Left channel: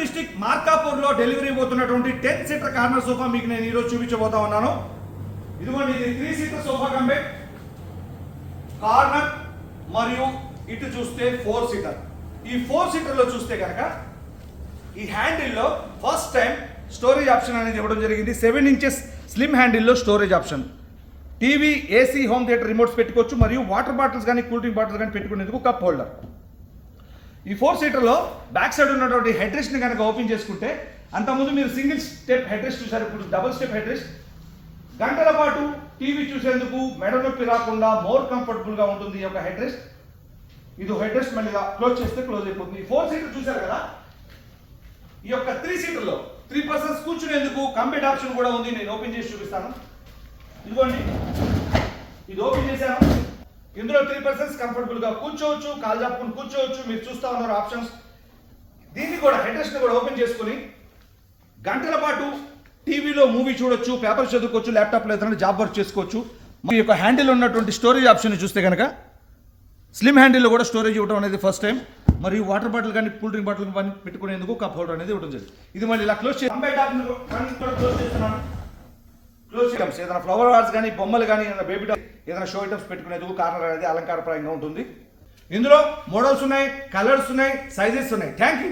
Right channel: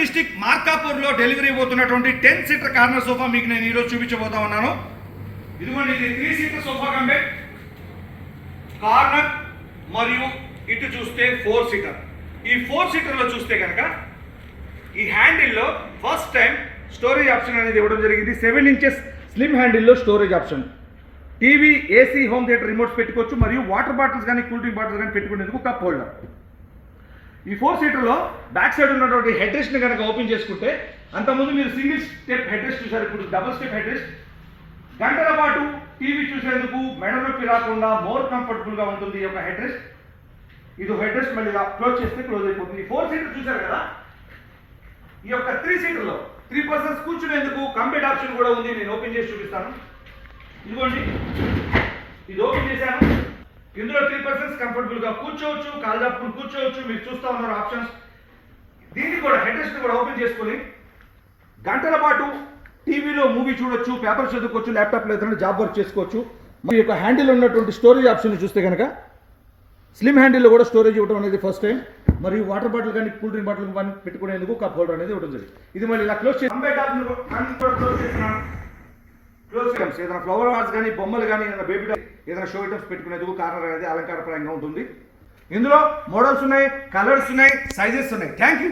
District మార్కాపూర్లో delivery పోతున్నటువంటి 10 seater corner sofa మీకు నేను ఈరోజు చూపించబోతా ఉన్నాను. ఇదిగోండి, ఇది 3 సీటర్ సోఫా కంబే కార్నర్ మరియు ఇటు చూస్తే 4 సీటర్. ఈ 4 సీటర్లో చూస్తే కనుక ఈ హ్యాండిల్లో ఫస్ట్ టైం స్టోరేజ్ ఆప్షన్ అనేది ఇవ్వడం జరిగింది. 7 ఇంచెస్ స్లిమ్ హ్యాండిల్లో storage option. TV, AC, home theatre remotes పెట్టుకోవచ్చు మరియు వాటర్ బాటిల్స్ కానీ కూల్ డ్రింక్ బాటిల్స్ కానీ పెట్టుకునేందుకు కప్ హోల్డర్. ఈ 4 సీటర్లో బ్యాక్ సైడ్ ఉన్నటువంటి హెడ్ రెస్ట్ని కనుక ఓపెన్ చేసుకుంటే, అంతకుముందు మీరు సింగిల్ స్టెప్ హెడ్ రెస్ట్ చూసారు, ఇప్పుడు డబుల్ స్టెప్ హెడ్ రెస్ట్. గంటల పాటు టీవీ చూసేందుకు మెడ నొప్పి రాకుండా మోర్ కంఫర్టబుల్గా ఉంటుంది ఈ యొక్క హెడ్ రెస్ట్. ఇది హెడ్ రెస్ట్ మళ్ళీ క్లోజ్ చేస్తే క్లోజ్ అయిపోతుంది. 4 సీటర్ చూసారు కదా, ఈ యొక్క 3 సీటర్లో 3 పర్సన్స్ కూర్చునేందుకు కంబెట్ ఆప్షన్ కూడా ఉంది. నేను ఓపెన్ చేసి చూపిస్తాను. ఇదిగోండి, ఇది ఓపెన్ చేశాను. ఇందులో 3 పర్సన్స్ కంఫర్టబుల్గా కూర్చోవచ్చు, కాళ్ళు చాపుకుని కూర్చోవచ్చు. మీరు చూస్తూ ఉన్నారు ఆప్షన్స్. దీన్ని కూడా హెడ్ రెస్ట్ని కూడా ఓపెన్ చేసుకుని గంటల పాటు టీవీలో మూవీ చూడొచ్చు, పేపర్ చదువుకోవచ్చు, ల్యాప్టాప్లో ఏదైనా జాబ్ వర్క్ చేసుకోవచ్చు. మీ యొక్క హ్యాండిల్ ఉన్నటువంటి స్టోరేజ్ ఆప్షన్ చూస్తే కనుక స్లిమ్ హ్యాండిల్లో కూడా స్టోరేజ్ ఇవ్వడం అనేది ఫస్ట్ టైం. మరియు వాటర్ బాటిల్ కానీ కూల్ డ్రింక్ బాటిల్ కానీ పెట్టుకునేందుకు కప్ హోల్డర్ అనేది ఇవ్వడం జరిగింది. ఇది మళ్ళీ ఇలా క్లోజ్ చేసి క్లోజ్ చేయడం, ఏదైనా ఫ్లవర్ ఆర్ట్స్ కానీ బొమ్మలు కానీ ఏదైనా బేబీ ఏదైనా షో ఐటమ్స్ పెట్టుకునేందుకు కార్నర్ అనేది అలంకారప్రాయంగా ఉంటుంది. ఇందులో మోడల్స్ ఉన్నాయి, కలర్స్ ఉన్నాయి, సైజెస్ ఉన్నాయి. Thank you.